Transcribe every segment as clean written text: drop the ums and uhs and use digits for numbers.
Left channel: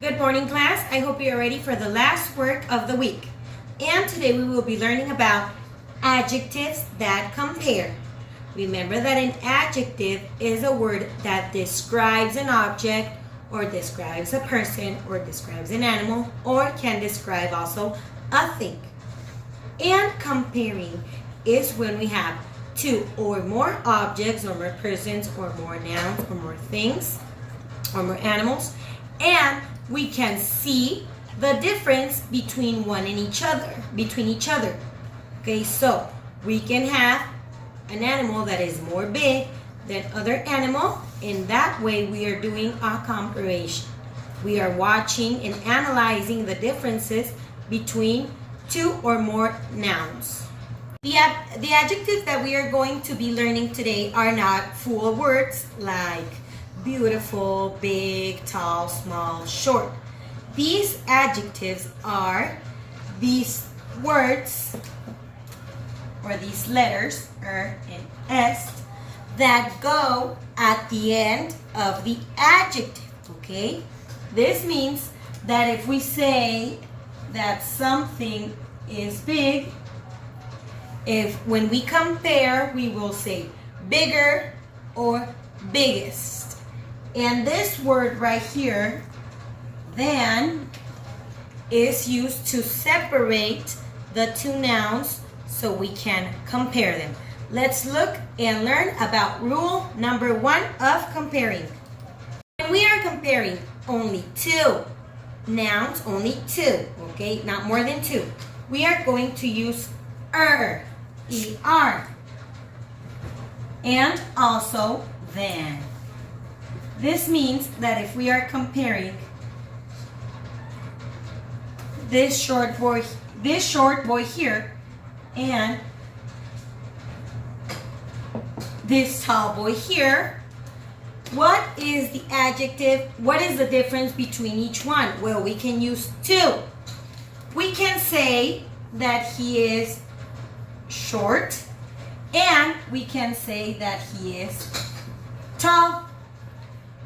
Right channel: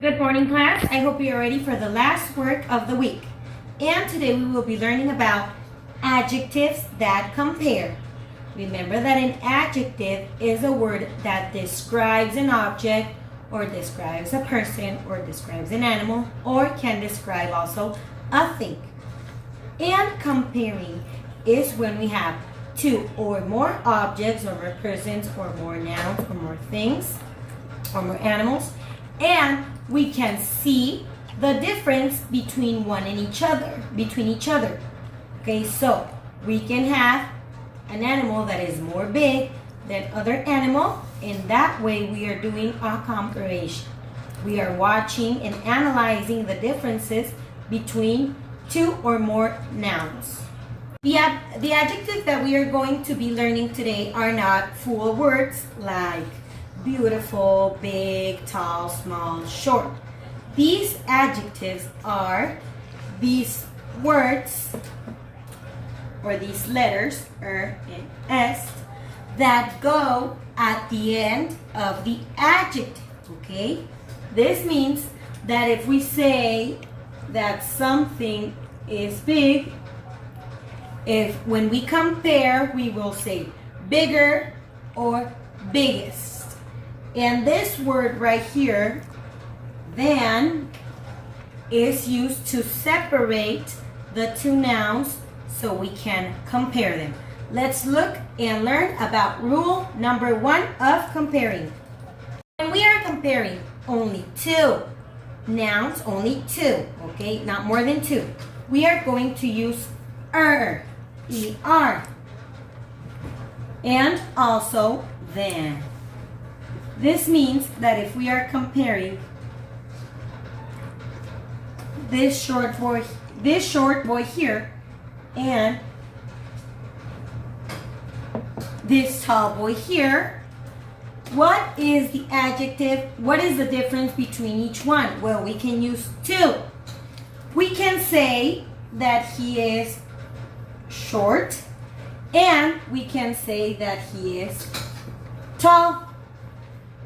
Good morning, class. I hope you are ready for the last work of the week. And today we will be learning about adjectives that compare. Remember that an adjective is a word that describes an object or describes a person or describes an animal or can describe also a thing. And comparing is when we have two or more objects or more persons or more nouns or more things or more animals, and we can see the difference between each other. Okay, so we can have an animal that is more big than other animal. In that way, we are doing a comparison. We are watching and analyzing the differences between two or more nouns. The adjectives that we are going to be learning today are not full words like beautiful, big, tall, small, short. These adjectives are these words or these letters, and S, that go at the end of the adjective, okay? This means that if we say that something is big, when we compare, we will say bigger or biggest. And this word right here, than, is used to separate the two nouns so we can compare them. Let's look and learn about rule number 1 of comparing. When we are comparing only two nouns, only two, okay, not more than two, we are going to use E-R, and also than. This means that if we are comparing this short boy here and this tall boy here, what is the adjective? What is the difference between each one? Well, we can use two. We can say that he is short, and we can say that he is tall.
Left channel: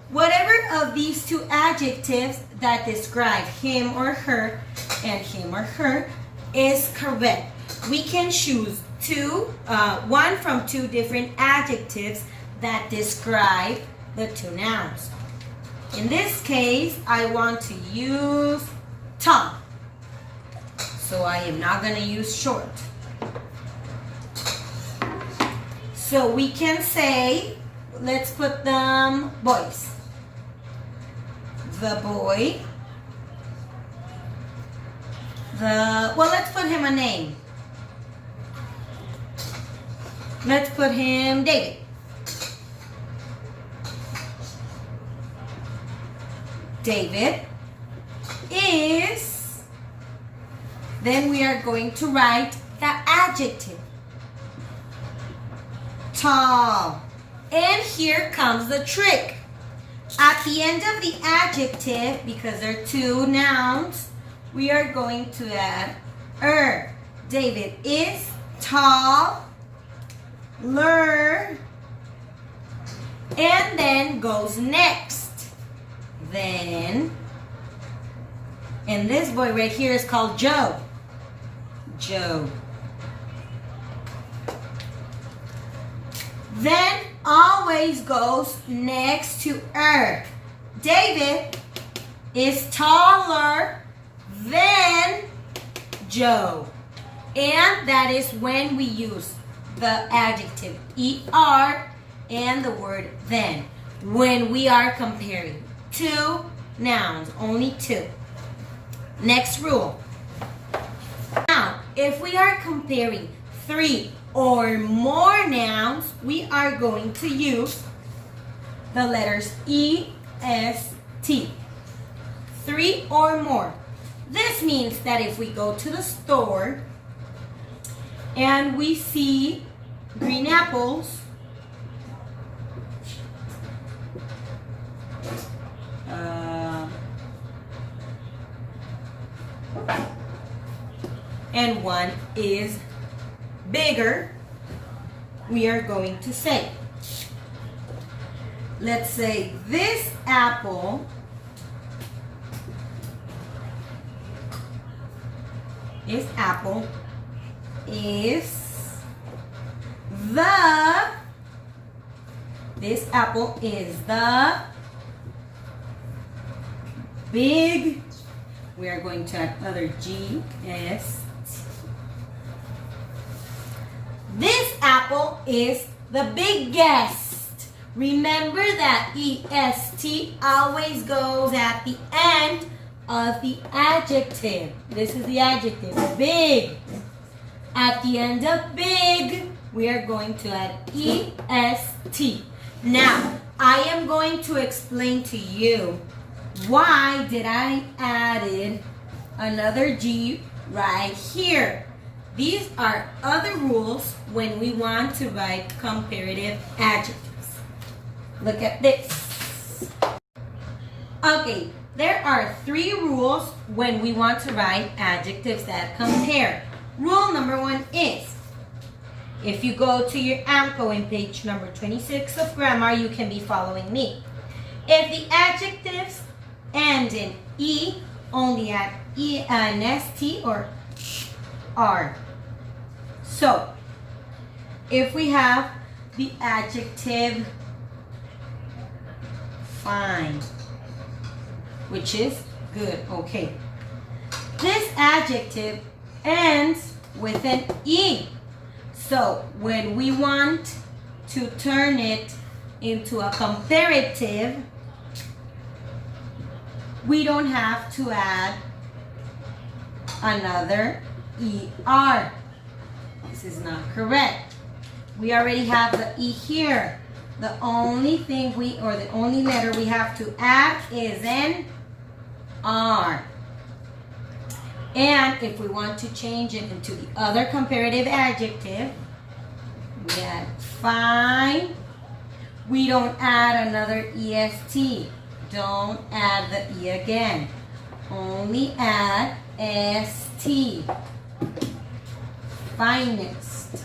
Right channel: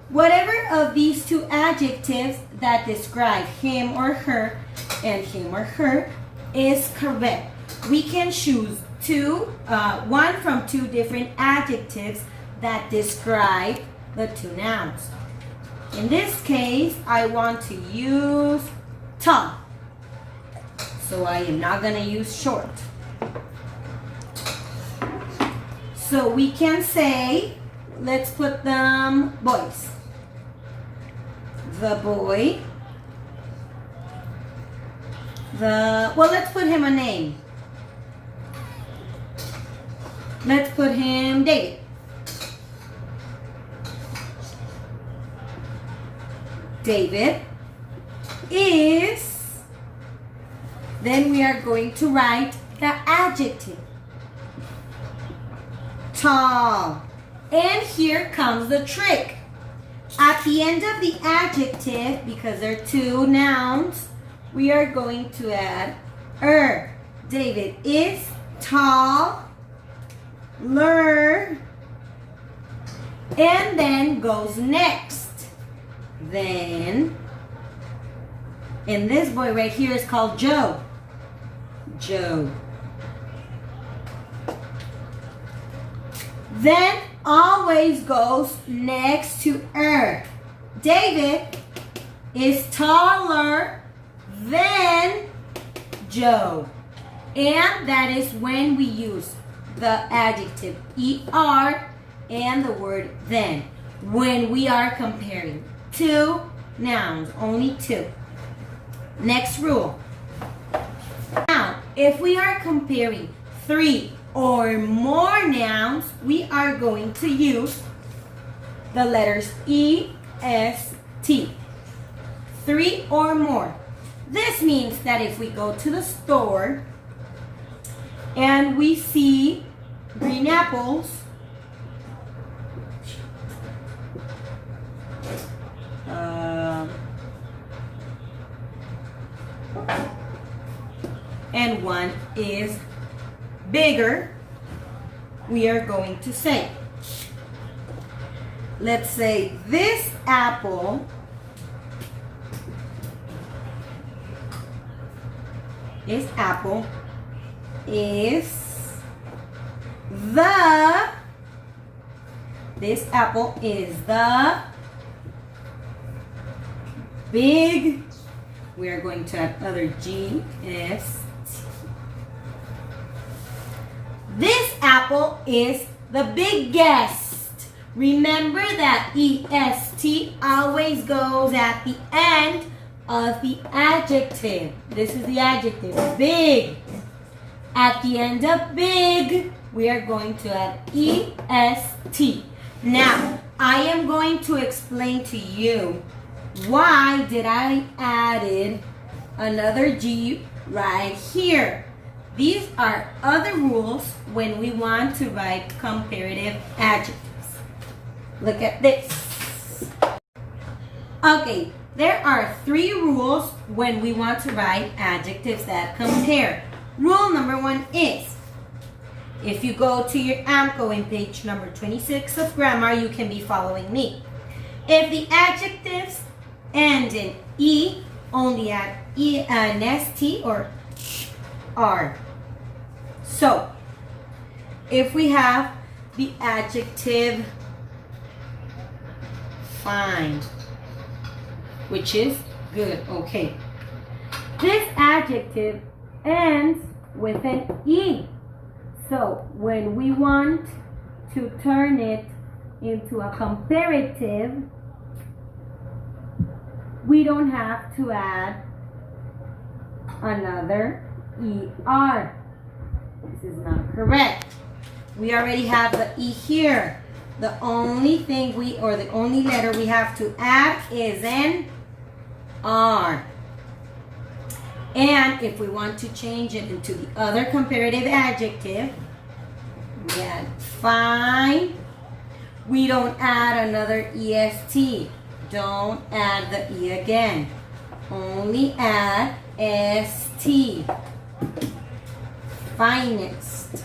Whatever of these two adjectives that describe him or her and him or her is correct. We can choose one from two different adjectives that describe the two nouns. In this case, I want to use tall, so I am not going to use short. So we can say, let's put them boys. The boy, let's put him a name. Let's put him David. David is, then we are going to write the adjective. Tall. And here comes the trick. At the end of the adjective, because they're two nouns, we are going to add David is taller, and then goes next. Then, and this boy right here is called Joe. Then always goes next to David is taller than Joe. And that is when we use the adjective ER and the word then. When we are comparing two nouns, only two. Next rule. Now, if we are comparing three or more nouns, we are going to use the letters EST. Three or more. This means that if we go to the store and we see green apples, and one is bigger, we are going to say, let's say this apple is apple, is the, this apple is the big, we are going to add other G, S, T. This apple is the biggest. Remember that EST always goes at the end of the adjective. This is the adjective, big. At the end of big, we are going to add EST. Now, I am going to explain to you why did I added another G right here. These are other rules when we want to write comparative adjectives. Look at this. Okay, there are 3 rules when we want to write adjectives that compare. Rule number 1 is, if you go to your AMCO in page number 26 of grammar, you can be following me. If the adjectives end in E, only add an ST or R. So, if we have the adjective fine, which is good, okay. This adjective ends with an E. So when we want to turn it into a comparative, we don't have to add another ER. This is not correct. We already have the E here. The only thing the only letter we have to add is an R. And if we want to change it into the other comparative adjective, we add fine. We don't add another EST. Don't add the E again. Only add ST. Finest.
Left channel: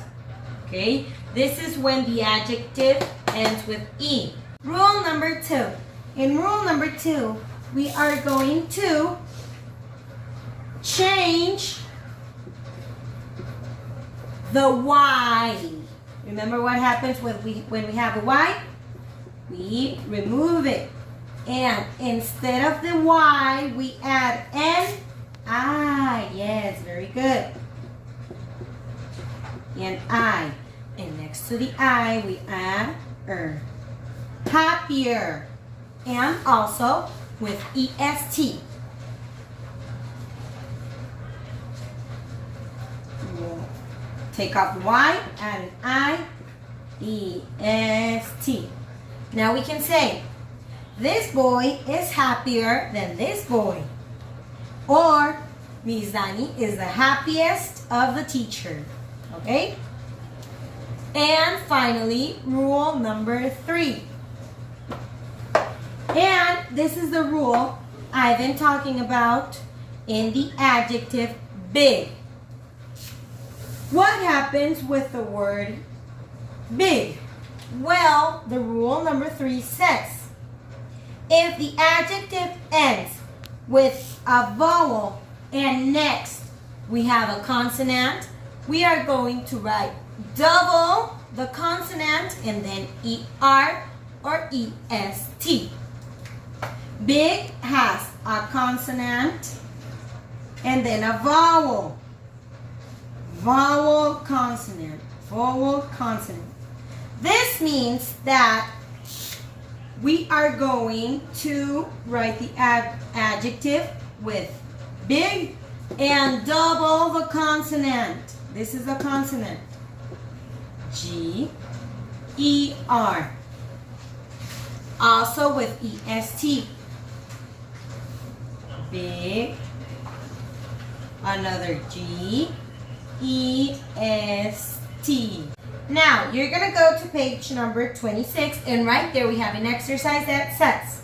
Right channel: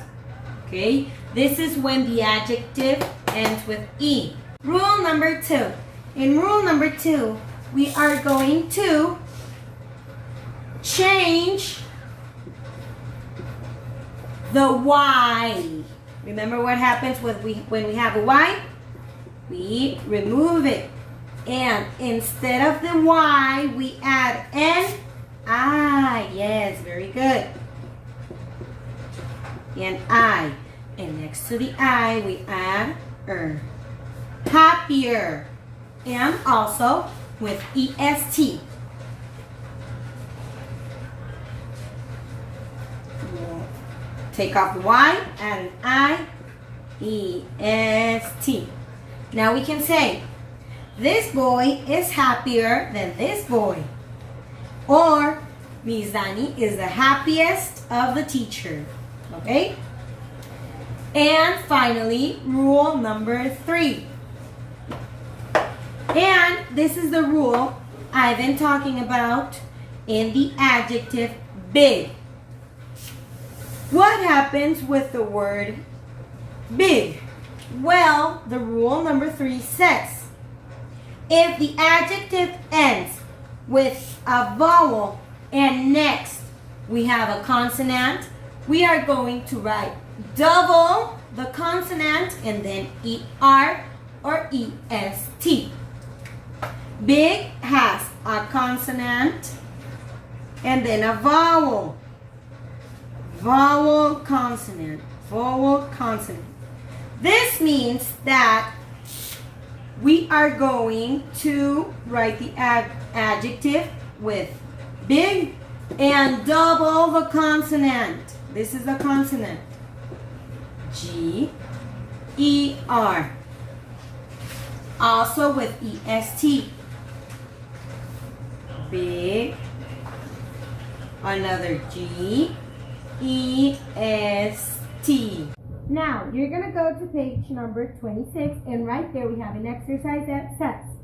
Okay? This is when the adjective ends with E. Rule number 2. In rule number 2, we are going to change the Y. Remember what happens when we have a Y? We remove it. And instead of the Y, we add an I. Yes, very good. An I. And next to the I, we add er. Happier. And also with EST. Take off the Y, add an I, EST. Now we can say, this boy is happier than this boy. Or, Mizani is the happiest of the teacher. Okay? And finally, rule number 3. And this is the rule I've been talking about in the adjective big. What happens with the word big? Well, the rule number 3 says, if the adjective ends with a vowel and next we have a consonant, we are going to write double the consonant and then ER or EST. Big has a consonant and then a vowel. Vowel, consonant, vowel, consonant. This means that we are going to write the adjective with big and double the consonant. This is a consonant. G, E, R. Also with EST. Big, another G, EST. Now, you're going to go to page number 26, and right there we have an exercise that says,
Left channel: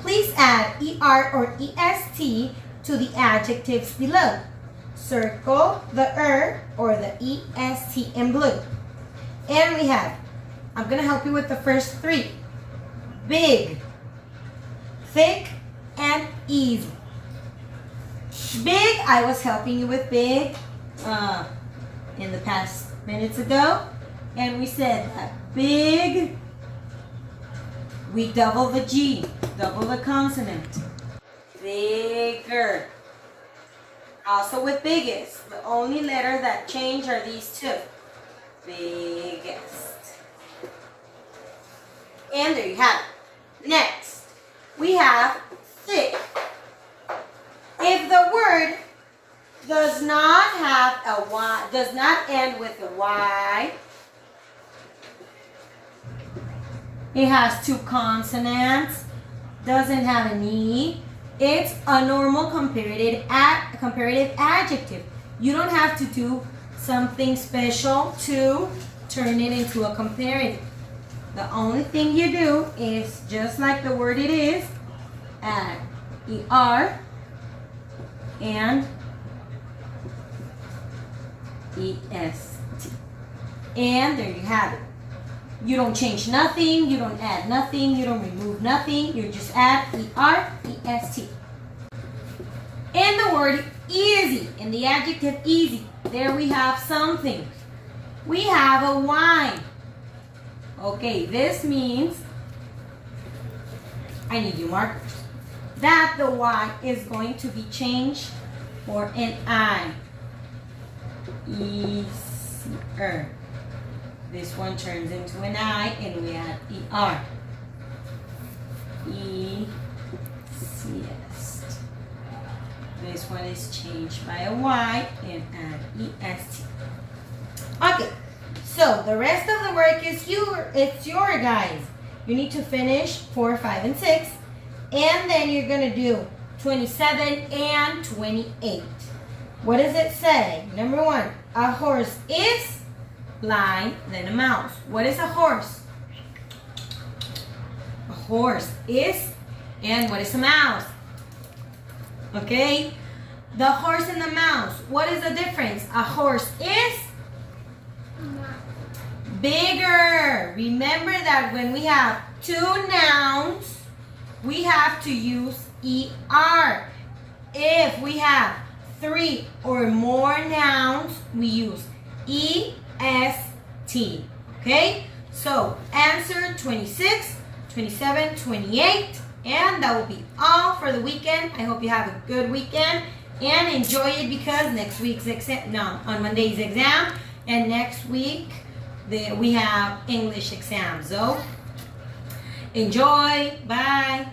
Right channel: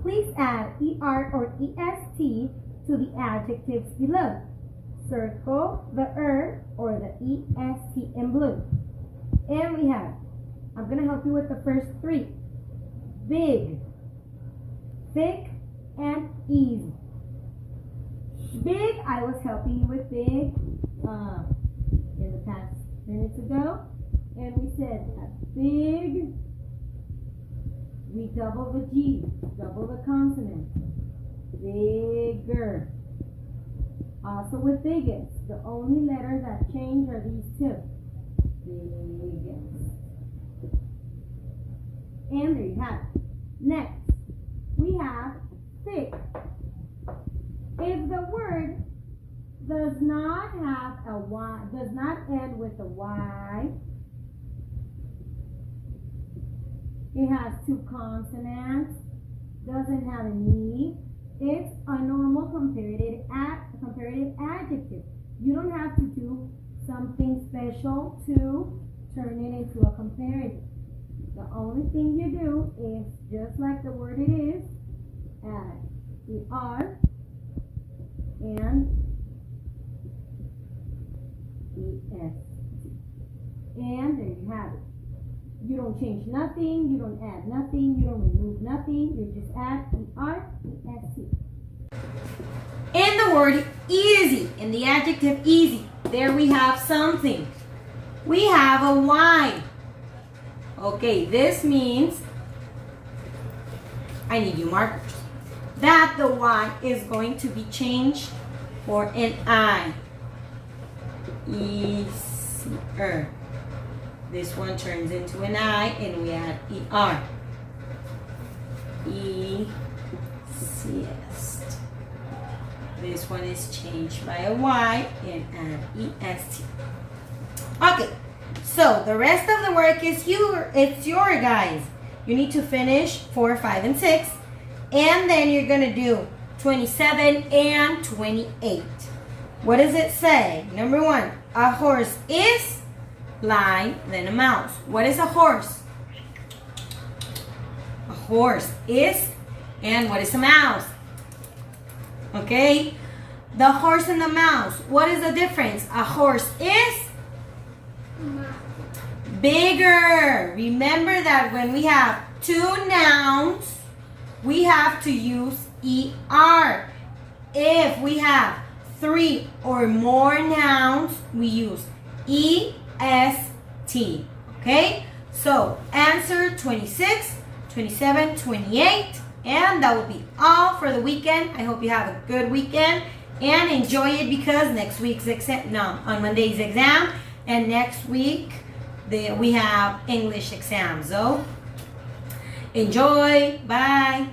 please add ER or EST to the adjectives below. Circle the or the EST in blue. And we have, I'm going to help you with the first 3. Big, thick, and easy. Big, I was helping you with big in the past minutes ago. And we said that big, we double the G, double the consonant. Bigger. Also with biggest, the only letter that change are these two. Biggest. And there you have it. Next, we have thick. If the word does not have a Y, does not end with a Y, it has two consonants, doesn't have an E, it's a normal comparative adjective. You don't have to do something special to turn it into a comparative. The only thing you do is, just like the word it is, add ER and EST. And there you have it. You don't change nothing, you don't add nothing, you don't remove nothing, you just add ER, EST. And the word easy, and the adjective easy, there we have something. We have a Y. Okay, this means, I need you markers, that the Y is going to be changed for an I. Easier. This one turns into an I and we add ER. Easiest. This one is changed by a Y and add EST. Okay, so the rest of the work is it's your guys. You need to finish 4, 5, and 6. And then you're going to do 27 and 28. What does it say? Number 1, a horse is line, then a mouse. What is a horse? A horse is, and what is a mouse? Okay? The horse and the mouse. What is the difference? A horse is bigger. Remember that when we have 2 nouns, we have to use ER. If we have 3 or more nouns, we use EST. Okay? So answer 26, 27, 28. And that will be all for the weekend. I hope you have a good weekend and enjoy it, because next week's exam, on Monday's exam, and next week we have English exam. So enjoy. Bye.